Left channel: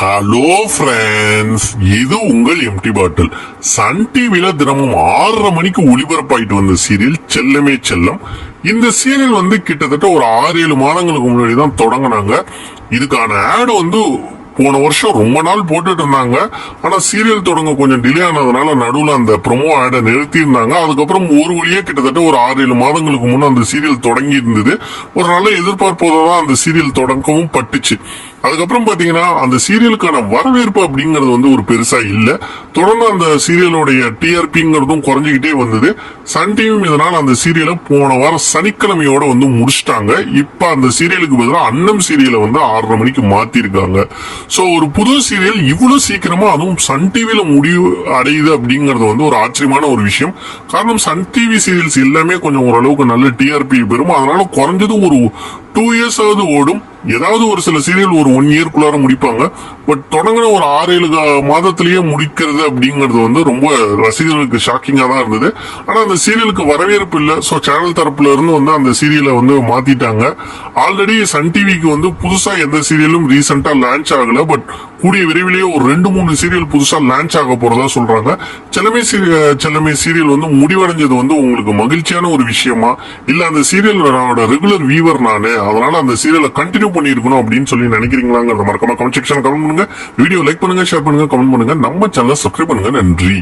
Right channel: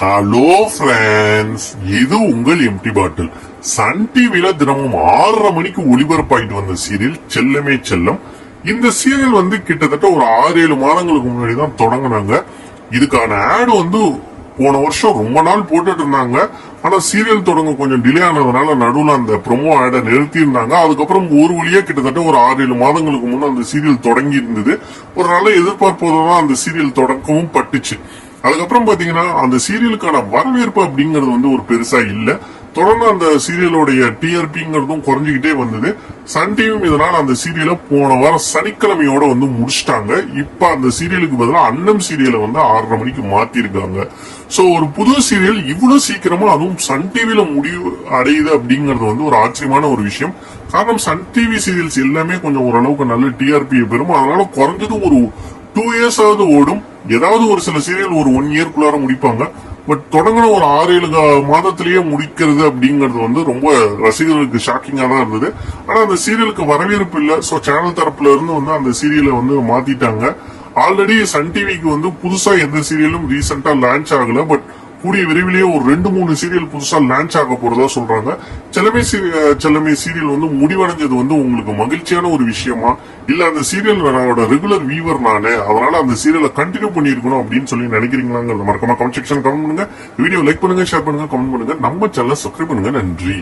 Hello friends, இது உங்கள் empty பாட்டில். Sun டிவில தினமும் 6:30 மணிக்கு ஒளிபரப்பாயிட்டு வந்த சீரியல் செல்லமே செல்லம். இந்த சீரியல் கிட்டத்தட்ட ஒரு 6-7 மாதங்களுக்கு முன்னாடி தான் தொடங்கினாங்க. இதுக்கான ஆடு போன வருஷம் ரொம்ப நாள் போட்டுட்டு இருந்தாங்க. ஆனா சீரியல் தொடங்க கொஞ்சம் டிலே ஆனதுனால நடுவுல அந்த ப்ரொமோ ஆடை நிறுத்தி இருந்தாங்க. அதுக்கப்புறம் ஒரு வழியே கிட்டத்தட்ட ஒரு 6-7 மாதங்களுக்கு முன்ன அந்த சீரியல் தொடங்கி இருந்தது. ஒரு நல்ல எதிர்பார்ப்போதான் அந்த சீரியல் தொடங்கவும் பட்டுச்சு. அதுக்கப்புறம் பாத்தீங்கன்னா அந்த சீரியலுக்கான வரவேற்பு அப்படிங்கறது ஒரு பெருசா இல்ல. தொடர்ந்து அந்த சீரியலோடைய டிஆர்பிங்கிறதும் குறைஞ்சிக்கிட்டே வந்தது. சன் டிவி இதனால அந்த சீரியலை போன வாரம் சனிக்கிழமையோட முடிச்சிட்டாங்க. இப்ப அந்த சீரியலுக்கு பதிலாக அன்னம் சீரியலை 6:30 மணிக்கு மாத்திருக்காங்க. சோ ஒரு புது சீரியல் இவ்வளவு சீக்கிரமா அதுவும் சன் டிவில முடிவு அடையுது அப்படிங்கறது ஒரு ஆச்சரியமான ஒரு விஷயம். காரணம் சன் டிவி சீரியல்ஸ் எல்லாமே கொஞ்சம் ஓரளவுக்கு நல்ல டிஆர்பி பெறும். அதனால குறைஞ்சது ஒரு 2 years ஆவது ஓடும். ஏதாவது ஒரு சில சீரியல் ஒரு 1 yearக்குள்ளார முடிப்பாங்க. பட் தொடங்கின ஒரு 6-7 மாதத்திலேயே முடிக்கிறது அப்படிங்கறது ரொம்ப ரசிகர்களுக்கு ஷாக்கிங்கா தான் இருந்தது. ஆனா அந்த சீரியலுக்கு வரவேற்பு இல்ல. சோ சேனல் தரப்புல இருந்து அந்த சீரியலை மாத்திட்டாங்க. ஆல்ரெடி சன் டிவிக்கு புதுசா எந்த சீரியலும் ரீசெண்டா லான்ச் ஆகல. பட் கூடிய விரைவிலேயே ஒரு 2-3 சீரியல் புதுசா லான்ச் ஆக போறதா சொல்றாங்க. செல்லமே சீரியல் முடிவடைஞ்சது உங்களுக்கு மகிழ்ச்சியான ஒரு விஷயமா, இல்ல அந்த சீரியலோட ரெகுலர் வீவர் நானே, அதனால அந்த சீரியலை கண்டினியூ பண்ணிருக்கணும் அப்படின்னு சொல்லி நினைக்கிறீங்களாங்கிறத மறக்காம கமெண்ட் செக்ஷன் கமெண்ட் பண்ணுங்க. வீடியோ லைக் பண்ணுங்க, ஷேர் பண்ணுங்க, கமெண்ட் பண்ணுங்க. நம்ம சேனலை சப்ஸ்கிரைப் பண்ணுங்க. நன்றி.